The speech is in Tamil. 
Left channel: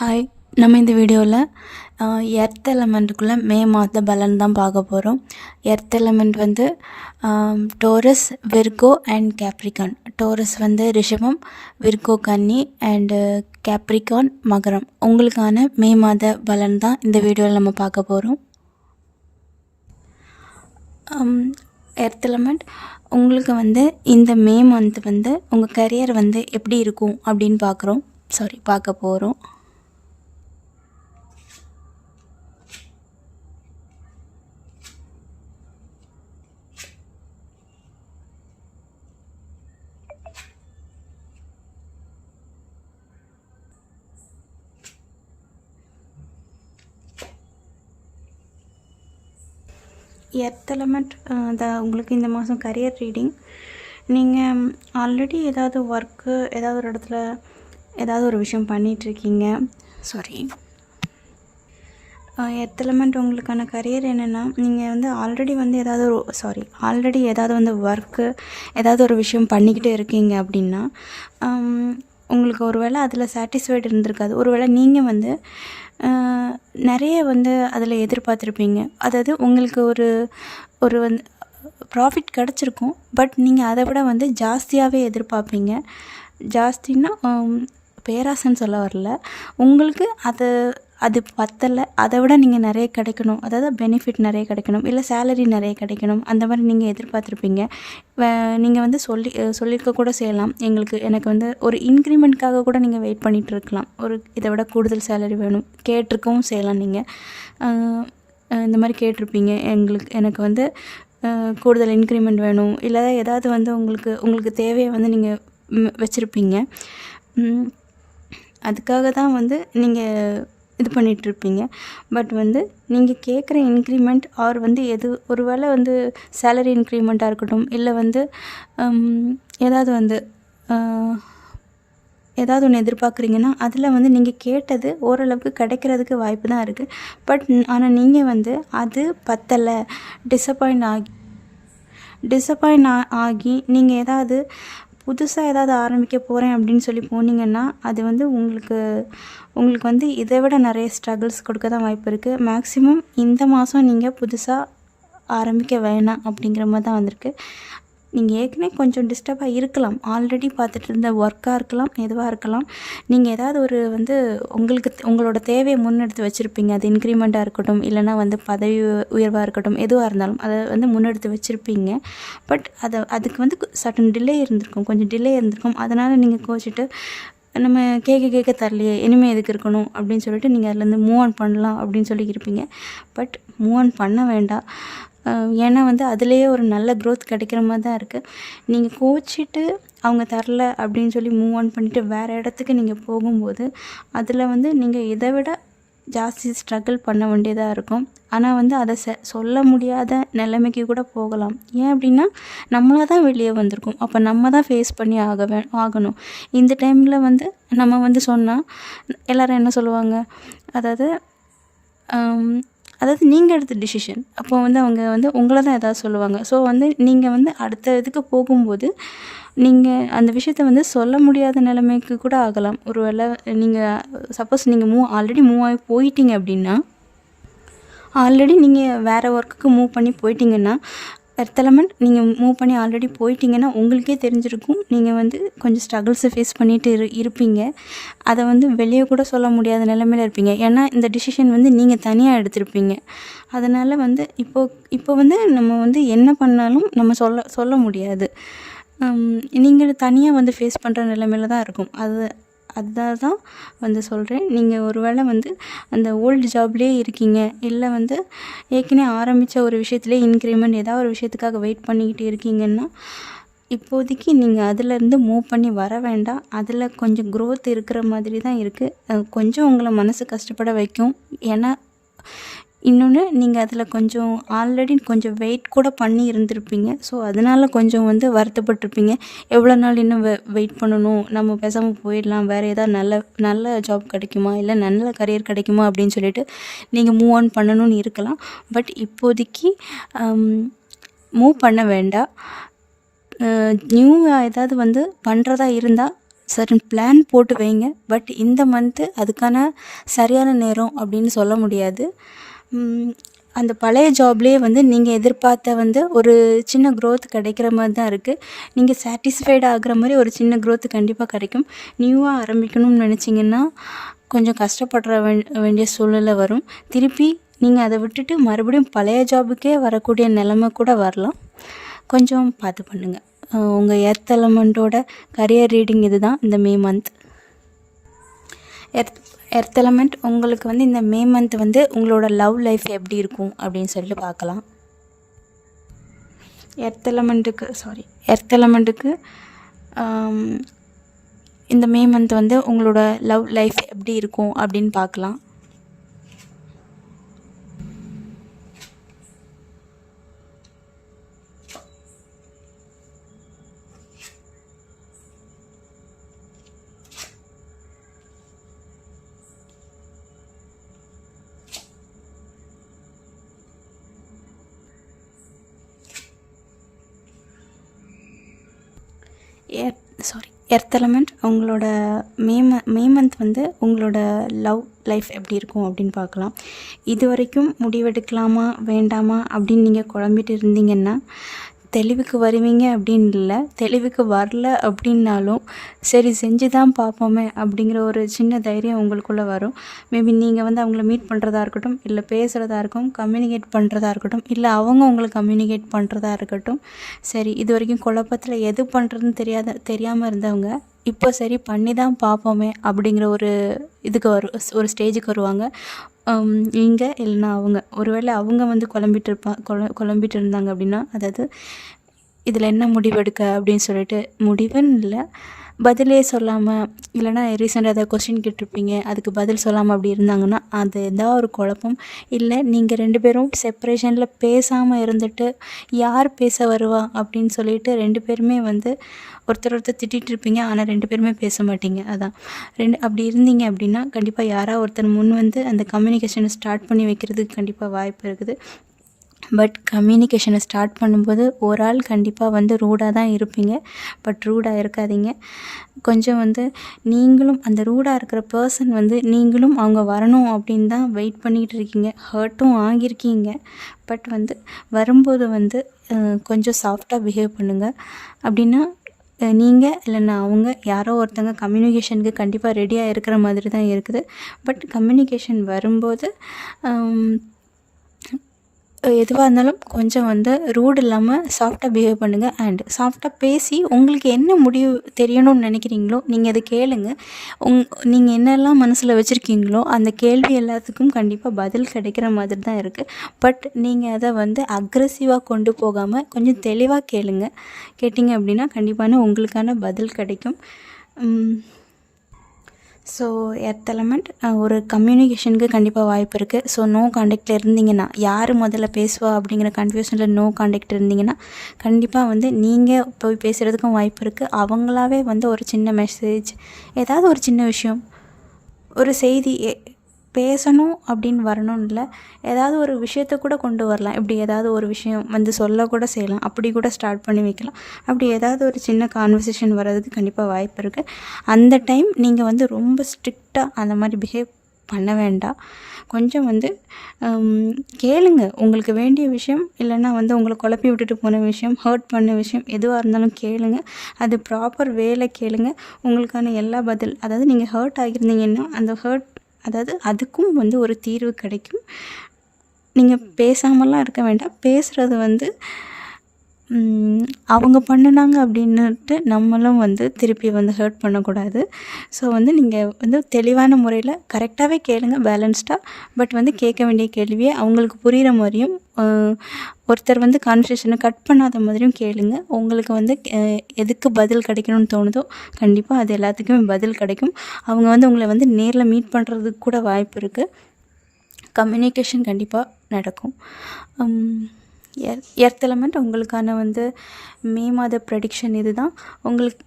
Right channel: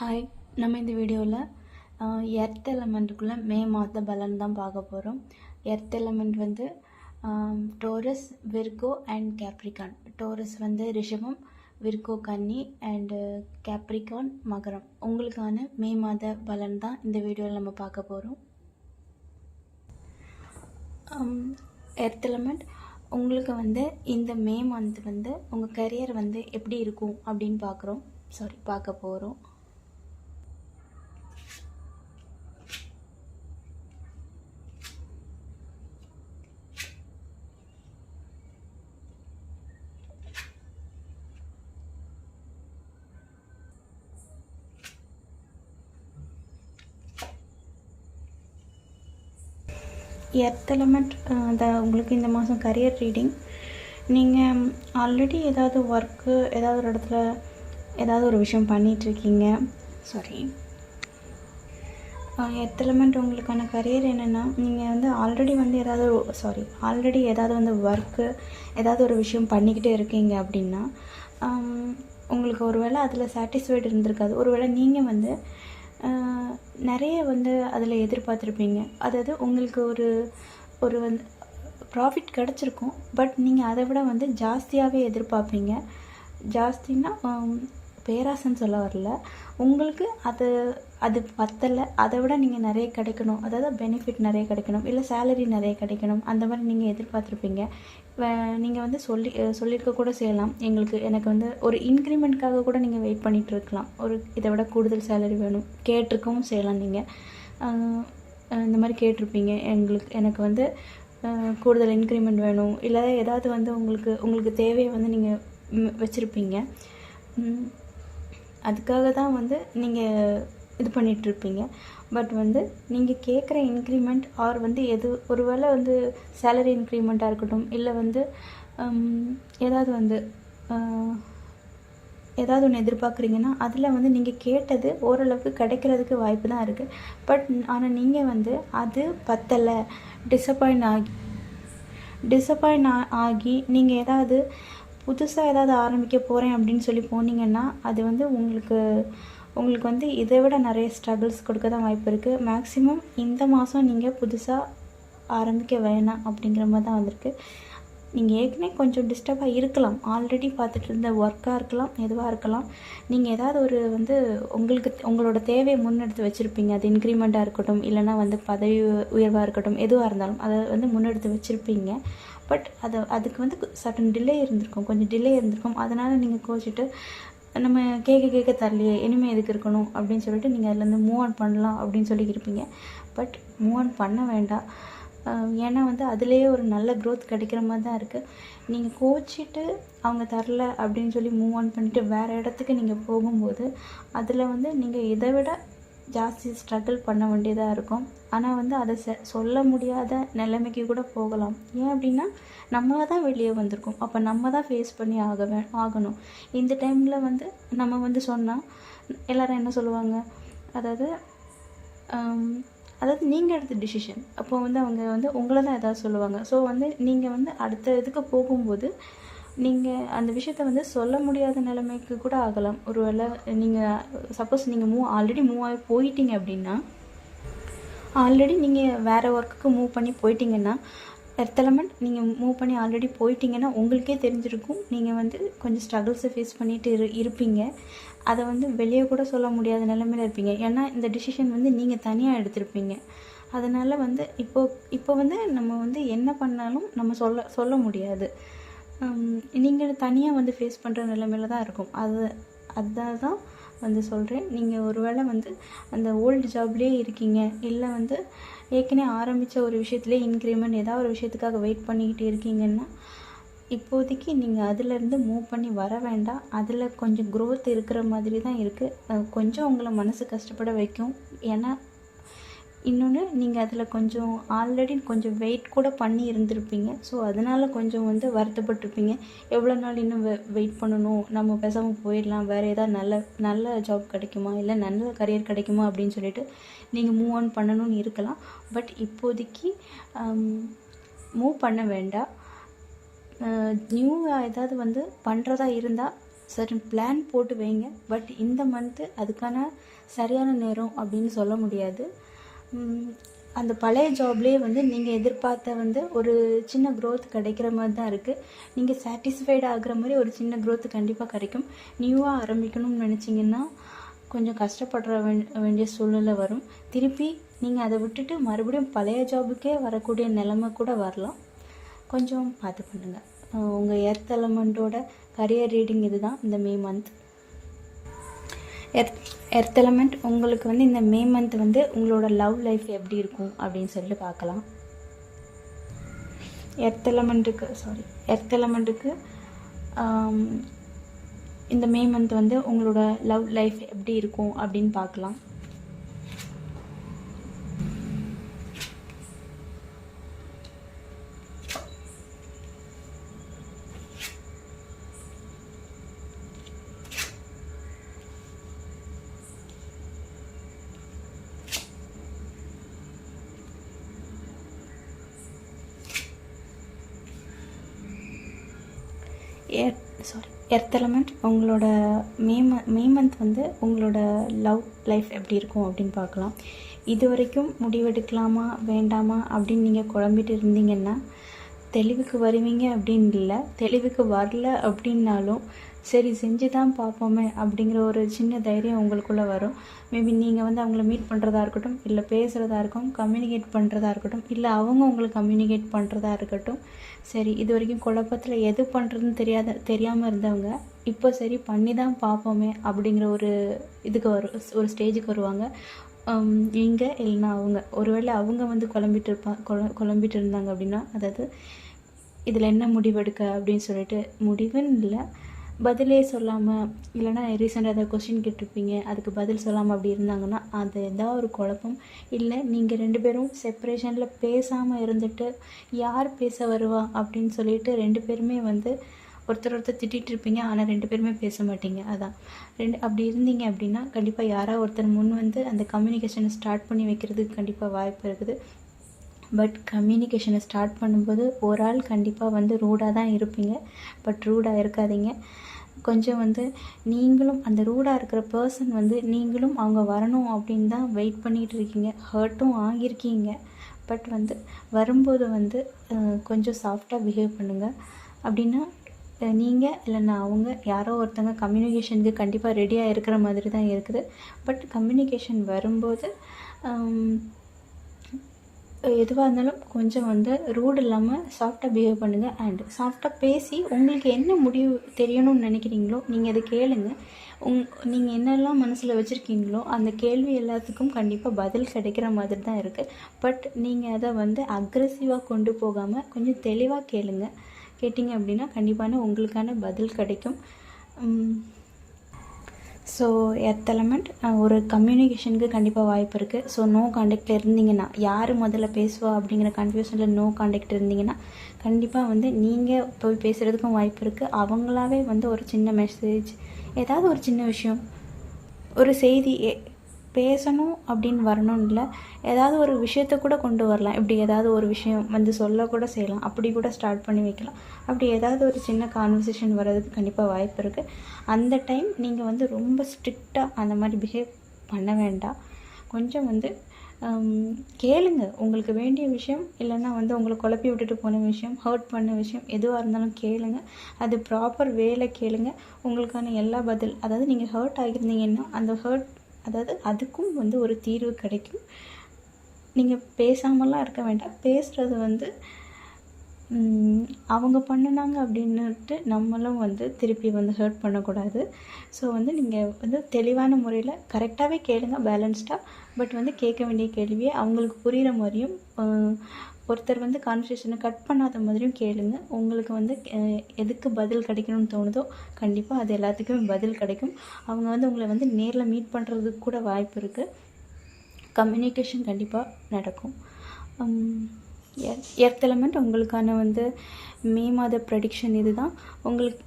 ஹாய், நம்ம இந்த வீடியோவில் எர்த் எலமெண்ட்டுக்குள்ளே மே மாத பலன் தான் பார்க்க போகிறோம். எர்த் எலமெண்ட் வந்து Taurus, Virgo and Capricorn. Taurus வந்து ரிஷபம், விர்கோ கன்னி அண்டு கேப்ரிகான் மகரம். உங்களுக்கான மே மாத பலன் தான் இந்த வீடியோவில் நம்ம பார்க்க போகிறோம். எர்த் எலமெண்ட் உங்களுக்கு வந்து இந்த மே மந்த் வந்து உங்கள் கரியர் வந்து எப்படி இருக்கும் அப்படின்னு பார்க்க போகிறோம். எர்த் எலமெண்ட் உங்களுக்கு இந்த மாதம் கரியர் ரீடிங். நீங்கள் ஆல்ரெடி ஏதாவது ஒர்க்கு ஏதாவது ஒரு இடத்துல ஏதாவது ஒரு விஷயம் பண்ணிகிட்ருக்கீங்க. எர்த் எலமெண்ட் உங்களுக்கான கரியர் என்னென்னா, நீங்கள் வந்து ஆல்ரெடி ஏதாவது வந்து ஒர்க்கு ஏதாவது ஒரு விஷயம் பண்ணிக்கிட்டே இருக்கீங்க அப்படின்னா உங்களுக்கு ஒரு வேளை அதில் சாட்டிஸ்ஃபைடு இருந்திருக்காது. ஒரு வேளை நீங்கள் வந்து நிறைய வந்து அதில் எதிர்பார்த்துருப்பீங்க. அதாவது உங்களுக்கு ஒரு வந்து ப்ராஃபிட் கிடச்சிருக்கும், பட் நீங்கள் அதை விட வந்து ஜாஸ்தியாகவே எதிர்பார்ப்பீங்க. ஜாஸ்தின்னா பேராசைன்னு சொல்ல வரல, உங்களுக்கு அது பத்தலை, அதை விட நீங்கள் நிறைய கிடைக்கணும், அதாவது பெனிஃபிட் நிறைய கிடைக்கணும், இல்லை சேலரி நிறைய கிடைக்கணும், அந்த மாதிரி நீங்கள் எதிர்பார்த்துருப்பீங்க. நீங்கள் வந்து சொல்லியிருக்க கூட செய்யலாம், எனக்கு வந்து ஒரு இன்க்ரிமெண்ட்காக கூட நீங்கள் வெயிட் பண்ணிகிட்டு இருக்கலாம். இதை விட கூடுதல் சேலரி வேணும் கேட்டிருக்கவும் செய்யலாம். நீங்கள் இந்த மாதிரி கேட்டிருப்பீங்க, எனக்கு வந்து கூடுதல் இன்க்ரிமெண்ட் வேணும், இல்லை ஏதாவது வந்து உங்களுக்கு தேவையை வந்து நீங்கள் வச்சுருப்பீங்க. அதுக்காக தான் வந்து நீங்கள் இது பண்ணிகிட்ருப்பீங்க. பட் வந்து நீங்கள் கேட்குற இன்க்ரிமெண்ட் வந்து ஒரு வேளை வந்து சேலரி இன்க்ரிமெண்ட்டாக இருக்கட்டும், இல்லை வந்து ஏதாவது ஒன்று எதிர்பார்க்குறீங்கன்னா அதில் வந்து நீங்கள் கேட்டது ஓரளவுக்கு கிடைக்கிறதுக்கு வாய்ப்பு தான் இருக்குது. பட் ஆனால் நீங்கள் வந்து அது பத்தலை, டிசப்பாயிண்ட் ஆகி நீங்கள் ஏதாவது புதுசாக ஏதாவது ஆரம்பிக்க போகிறேன் அப்படின்னு சொல்லி போனீங்கன்னா அது வந்து உங்களுக்கு வந்து இதை விட நிறைய ஸ்ட்ரகிள்ஸ் கொடுக்க தான் வாய்ப்பு இருக்குது. மேக்ஸிமம் இந்த மாதம் நீங்கள் புதுசாக ஆரம்பிக்க வேணாம் அப்படிங்கிற மாதிரி தான் வந்திருக்கு. நீங்கள் ஏற்கனவே கொஞ்சம் டிஸ்டர்பாக இருக்கலாம், ஆல்ரெடி பார்த்துட்டு இருந்த ஒர்க்காக இருக்கலாம், எதுவாக இருக்கலாம். நீங்கள் ஏதாவது ஒரு வந்து உங்களோட தேவையை முன்னெடுத்து வச்சுருப்பீங்க. அது இன்க்ரிமெண்ட்டாக இருக்கட்டும், இல்லைனா வந்து பதவி உயர்வாக இருக்கட்டும், எதுவாக இருந்தாலும் அதை வந்து முன்னெடுத்து வச்சுருப்பீங்க. பட் அதுக்கு வந்து சட்டன் கொஞ்சம் டிலே இருந்திருக்கும். அதனால் நீங்கள் கோச்சிட்டு நம்ம கேட்க தரலையே, இனிமேல் எதுக்கு இருக்கணும் அப்படின்னு சொல்லிட்டு நீங்கள் அதுலேருந்து மூவ் ஆன் பண்ணலாம் அப்படின்னு சொல்லி இருப்பீங்க. பட் மூவ் ஆன் பண்ண வேண்டாம். ஏன்னா வந்து அதுலேயே ஒரு நல்ல க்ரோத் கிடைக்கிற மாதிரி தான் இருக்குது. நீங்கள் கோச்சிட்டு அவங்க தரல அப்படின்னு சொல்லி மூவ் ஆன் பண்ணிவிட்டு வேறு இடத்துக்கு நீங்கள் போகும்போது அதில் வந்து நீங்கள் இதை விட ஜாஸ்தி ஸ்ட்ரகிள் பண்ண வேண்டியதாக இருக்கும். ஆனால் வந்து அதை சொல்ல முடியாத நிலைமைக்கு கூட போகலாம். ஏன் அப்படின்னா நம்மளாக தான் வெளியே வந்திருக்கோம், அப்போ நம்ம தான் ஃபேஸ் பண்ணி ஆகணும். இந்த டைமில் வந்து நம்ம வந்து சொன்னால் எல்லோரும் என்ன சொல்லுவாங்க, அதாவது நீங்கள் எடுத்த டிசிஷன், அப்போ வந்து அவங்க வந்து உங்களை தான் எதாவது சொல்லுவாங்க. ஸோ வந்து நீங்கள் வந்து அடுத்த இதுக்கு போகும்போது நீங்கள் அந்த விஷயத்த வந்து சொல்ல முடியாத நிலைமைக்கு கூட ஆகலாம். ஒரு வேளை சப்போஸ் நீங்கள் ஆல்ரெடி மூவ் ஆகி போயிட்டீங்க அப்படின்னா, ஆல்ரெடி நீங்கள் வேறு ஒர்க்குக்கு மூவ் பண்ணி போயிட்டீங்கன்னா, எர்த் எலமெண்ட் நீங்கள் மூவ் பண்ணி ஆல்ரெடி போயிட்டீங்கன்னா உங்களுக்கே தெரிஞ்சிருக்கும், நீங்கள் வந்து கொஞ்சம் ஸ்ட்ரகிள்ஸை ஃபேஸ் பண்ணிட்டு இருப்பீங்க. அதை வந்து வெளியே கூட சொல்ல முடியாத நிலைமையில் இருப்பீங்க. ஏன்னா இந்த டிசிஷன் வந்து நீங்கள் தனியாக எடுத்திருப்பீங்க. அதனால் வந்து இப்போ வந்து நம்ம வந்து என்ன பண்ணாலும் நம்ம சொல்ல முடியாது. நீங்கள் தனியாக வந்து ஃபேஸ் பண்ணுற நிலைமையில தான் இருக்கும். தான் வந்து சொல்கிறேன். நீங்கள் ஒரு வேளை வந்து அந்த ஓல்டு ஜாப்லேயே இருக்கீங்க, இல்லை வந்து ஏற்கனவே ஆரம்பித்த ஒரு விஷயத்துலேயே இன்க்ரிமெண்ட் ஏதாவது ஒரு விஷயத்துக்காக வெயிட் பண்ணிக்கிட்டு இருக்கீங்கன்னா, இப்போதைக்கு நீங்கள் அதிலேருந்து மூவ் பண்ணி வர வேண்டாம். அதில் கொஞ்சம் க்ரோத் இருக்கிற மாதிரி தான் இருக்குது. கொஞ்சம் உங்களை மனசு கஷ்டப்பட வைக்கும். ஏன்னா இன்னொன்று, நீங்கள் அதில் கொஞ்சம் ஆல்ரெடி கொஞ்சம் வெயிட் கூட பண்ணி இருந்திருப்பீங்க. ஸோ அதனால் கொஞ்சம் வந்து வருத்தப்பட்டிருப்பீங்க. எவ்வளோ நாள் இன்னும் வெயிட் பண்ணணும், நம்ம பேசாமல் போயிடலாம், வேறு ஏதாவது நல்ல ஜாப் கிடைக்குமா, இல்லை நல்ல கரியர் கிடைக்குமா அப்படின்னு சொல்லிட்டு நீங்கள் மூவ் ஆன் பண்ணணும்னு இருக்கலாம். பட் இப்போதைக்கு மூவ் பண்ண வேண்டாம். நியூவாக ஏதாவது வந்து பண்ணுறதா இருந்தால் சர்டன் பிளான் போட்டு வைங்க. பட் இந்த மந்த்து அதுக்கான சரியான நேரம் அப்படின்னு சொல்ல முடியாது. அந்த பழைய ஜாப்லேயே வந்து நீங்கள் எதிர்பார்த்த வந்து ஒரு சின்ன க்ரோத் கிடைக்கிற மாதிரி தான் இருக்குது. நீங்கள் சாட்டிஸ்ஃபைடு ஆகிற மாதிரி ஒரு சின்ன க்ரோத் கண்டிப்பாக கிடைக்கும். நியூவாக ஆரம்பிக்கணும்னு நினச்சிங்கன்னா கொஞ்சம் கஷ்டப்படுற வேண்டிய சூழ்நிலை வரும். திருப்பி நீங்கள் அதை விட்டுட்டு மறுபடியும் பழைய ஜாபுக்கே வரக்கூடிய நிலைமை கூட வரலாம். கொஞ்சம் பார்த்து பண்ணுங்கள். உங்கள் எர்த் எலமெண்ட்டோட கரியர் ரீடிங் இது தான் இந்த மே மந்த். எர்த் எலமெண்ட் உங்களுக்கு வந்து இந்த மே மந்த் வந்து உங்களோட லவ் லைஃப் எப்படி இருக்கும் அப்படின்னு சொல்லிட்டு பார்க்கலாம். எர்த் எலமெண்ட்டுக்கு இந்த மே மந்த் வந்து உங்களோட லவ் லைஃப் எப்படி இருக்கும் அப்படின்னு பார்க்கலாம். எர்த் எலமெண்ட் உங்களோட மே மந்த் வந்து உங்களோட லவ் லைஃப் எப்படி இருக்கும் அப்படின்னு பார்க்கலாம். இது வரைக்கும் முடிவெடுக்கலாமா வேண்டாமா அப்படின்னு நீங்கள் குழம்பிட்டு இருந்தீங்கன்னா தெளிவுக்கு வருவீங்க அப்படின்னு இல்லை. தெளிவுக்கு வரல அப்படின்னாலும் சரி செஞ்சு தான் பார்ப்போமே அப்படிங்கிற ஒரு சின்ன தைரியம் உங்களுக்குள்ளே வரும். மேபி நீங்கள் வந்து அவங்கள மீட் பண்ணுறதா இருக்கட்டும், இல்லை பேசுகிறதா இருக்கும், கம்யூனிகேட் பண்ணுறதா இருக்கட்டும், இல்லை அவங்க உங்களுக்கு கம்யூனிகேட் பண்ணுறதா இருக்கட்டும். சரி இது வரைக்கும் குழப்பத்தில் எது பண்ணுறதுன்னு தெரியாமல் இருந்தவங்க இப்போ சரி பண்ணி தான் பார்ப்போமே அப்படிங்கிற ஒரு ஒரு ஸ்டேஜுக்கு வருவாங்க. இங்கே இல்லைனா அவங்க ஒருவேளை அவங்க வந்து குழம்பிட்டு இருந்தாங்க அப்படின்னா, அதாவது இதில் என்ன முடிவெடுக்க அப்படின்னு சொல்லிட்டு முடிவுன்னு இல்லை, பதிலே சொல்லாமல் இல்லைனா ரீசெண்டாக ஏதாவது கொஸ்டின் கேட்டிருப்பீங்க, அதுக்கு பதில் சொல்லாமல் அப்படி இருந்தாங்கன்னா அது ஏதாவது ஒரு குழப்பம். இல்லை நீங்கள் 2 பேரும் செப்பரேஷனில் பேசாமல் இருந்துட்டு யார் பேச வருவா அப்படின்னு சொல்லிட்டு 2 பேருமே வந்து ஒருத்தர் திட்டிகிட்டு இருப்பீங்க. ஆனால் 2 பேருமே பேச மாட்டீங்க. அதான் அப்படி இருந்தீங்க அப்படின்னா கண்டிப்பாக யாராவது ஒருத்தர் முன் வந்து அந்த கம்யூனிகேஷனை ஸ்டார்ட் பண்ணி வைக்கிறதுக்கு கண்டிப்பாக வாய்ப்பு இருக்குது. பட் கம்யூனிகேஷனை ஸ்டார்ட் பண்ணும்போது ஒரு ஆள் கண்டிப்பாக வந்து ரூடாக தான் இருப்பீங்க. பட் ரூடாக இருக்காதீங்க. கொஞ்சம் வந்து நீங்களும் அந்த ரூடாக இருக்கிற பர்சன் வந்து நீங்களும் அவங்க வரணும் அப்படின்னு தான் வெயிட் பண்ணிகிட்டு இருக்கீங்க. ஹர்ட்டும் ஆகியிருக்கீங்க. பட் வந்து வரும்போது வந்து கொஞ்சம் சாஃப்டாக பிஹேவ் பண்ணுங்கள். அப்படின்னா நீங்கள் இல்லைன்னா அவங்க யாரோ ஒருத்தங்க கம்யூனிகேஷனுக்கு கண்டிப்பாக ரெடியாக இருக்கிற மாதிரி தான் இருக்குது. பட் கம்யூனிகேஷன் வரும்போது எதுவாக இருந்தாலும் கொஞ்சம் வந்து ரூட் இல்லாமல் சாஃப்டாக பிஹேவ் பண்ணுங்கள். அண்ட் சாஃப்டாக பேசி உங்களுக்கு என்ன முடிவு தெரியணும்னு நினைக்கிறீங்களோ நீங்கள் அதை கேளுங்க. நீங்கள் என்னெல்லாம் மனசில் வச்சுருக்கீங்களோ அந்த கேள்வி எல்லாத்துக்கும் கண்டிப்பாக பதில் கிடைக்கிற மாதிரி தான் இருக்குது. பட் நீங்கள் அதை வந்து அக்ரெசிவாக கொண்டு போகாமல் கொஞ்சம் தெளிவாக கேட்டிங்க அப்படின்னா கண்டிப்பான உங்களுக்கான பதில் கிடைக்கும். ஸோ எர்த் எலமெண்ட் ஒரு கம்யூனிகேஷனுக்கு கண்டிப்பாக வாய்ப்பு இருக்குது. ஸோ நோ காண்டாக்டில் இருந்தீங்கன்னா யார் முதல்ல பேசுவா அப்படிங்கிற கன்ஃபியூஷனில் நோ காண்டாக்ட் இருந்தீங்கன்னா கண்டிப்பாக வந்து நீங்கள் போய் பேசுகிறதுக்கும் வாய்ப்பு இருக்குது. அவங்களாவே வந்து ஒரு சின்ன மெசேஜ், ஏதாவது ஒரு சின்ன விஷயம், ஒரு செய்தி பேசணும் அப்படின்னு வரணும்னு இல்லை, ஏதாவது ஒரு விஷயத்த கூட கொண்டு வரலாம். இப்படி ஏதாவது ஒரு விஷயம் வந்து சொல்லக்கூட செய்யலாம். அப்படி கூட ஸ்டார்ட் பண்ணி வைக்கலாம். அப்படி ஏதாவது ஒரு சின்ன கான்வர்சேஷன் வர்றதுக்கு கண்டிப்பாக வாய்ப்பு இருக்குது. அந்த டைம் நீங்கள் வந்து ரொம்ப ஸ்ட்ரிக்டாக அந்த மாதிரி பிஹேவ் பண்ண வேண்டாம். கொஞ்சம் வந்து கேளுங்க. உங்களுக்கு வேண்டிய விஷயம் இல்லைன்னா வந்து உங்களை குழப்பி விட்டுட்டு போன விஷயம், ஹர்ட் பண்ண விஷயம் எதுவாக இருந்தாலும் கேளுங்க. அது ப்ராப்பர் வேலை கேளுங்க. உங்களுக்கான எல்லா பதில், அதாவது நீங்கள் ஹர்ட் ஆகியிருந்தீங்கன்னா அந்த அதாவது அதுக்கும் வந்து ஒரு தீர்வு கிடைக்கும். நீங்கள் பேசாமலாம் இருக்க வேண்டாம். பேசுகிறது வந்து அவங்க பண்ணினாங்க அப்படின்னுட்டு நம்மளும் வந்து திருப்பி வந்து ஹர்ட் பண்ணக்கூடாது. ஸோ வந்து நீங்கள் வந்து தெளிவான முறையில் கரெக்டாகவே கேளுங்க, பேலன்ஸ்டாக. பட் வந்து கேட்க வேண்டிய கேள்வியை அவங்களுக்கு புரிகிற மாதிரியும், ஒருத்தர் வந்து கான்வர்சேஷனை கட் பண்ணாத மாதிரியும் கேளுங்க. உங்களுக்கு வந்து எதுக்கு பதில் கிடைக்கணும்னு தோணுதோ கண்டிப்பாக அது எல்லாத்துக்குமே பதில் கிடைக்கும். அவங்க வந்து உங்களை வந்து நேரில் மீட் பண்ணுறதுக்கு கூட வாய்ப்பு இருக்குது. கம்யூனிகேஷன் கண்டிப்பாக நடக்கும். எர்த் எலமெண்ட் உங்களுக்கான வந்து மே மாத ப்ரெடிக்ஷன் இது தான். உங்களுக்கு